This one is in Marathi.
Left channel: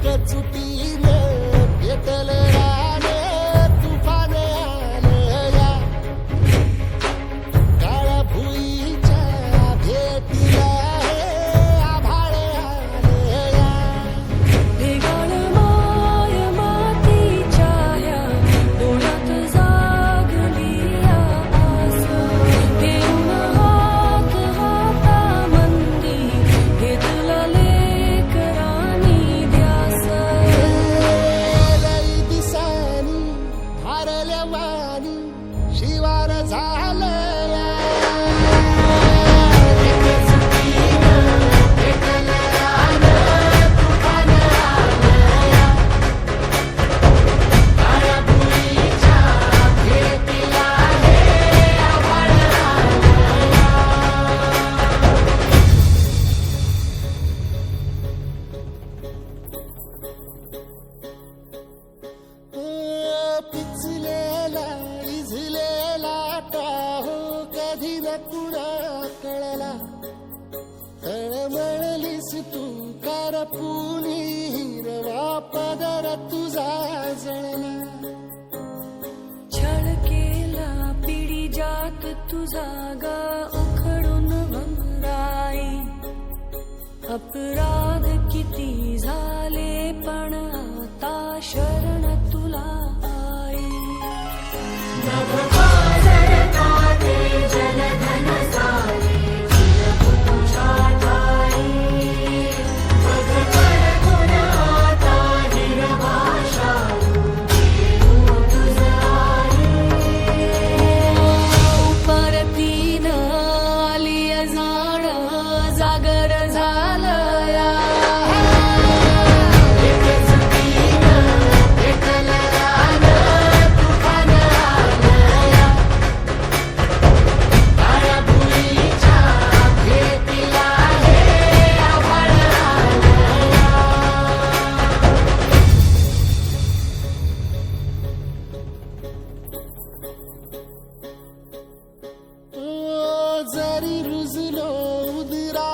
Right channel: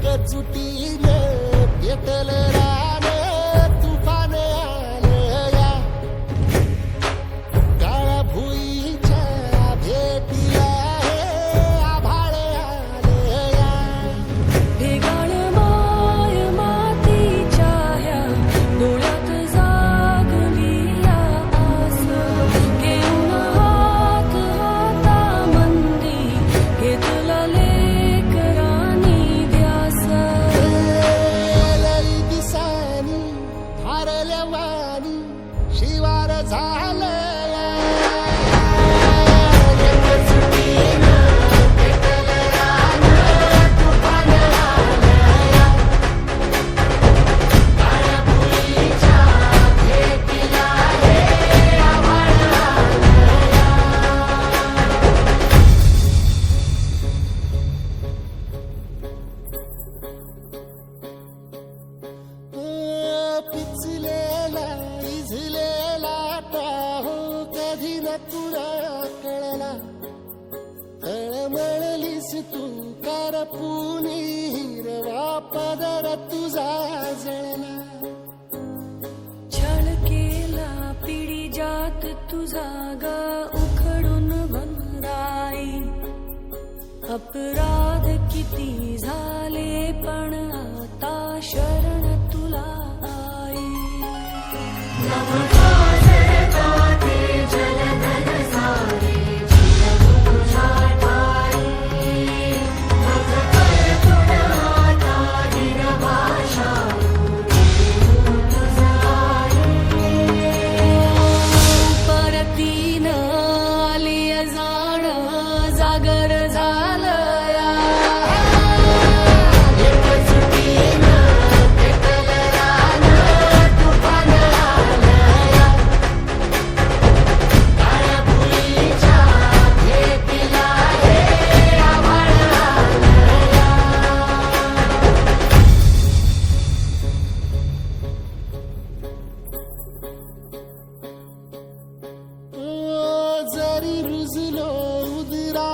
एकजुटीने पेटल रा वाटा हो कधी न कुणा कळला तळमळलीस तू कारपुनी हिरवा पदर तुझा जळला. छळ केला पिढी जात तुझा ग उखडून वनराई अपराध किती झाले पण आता शरण तुला आई.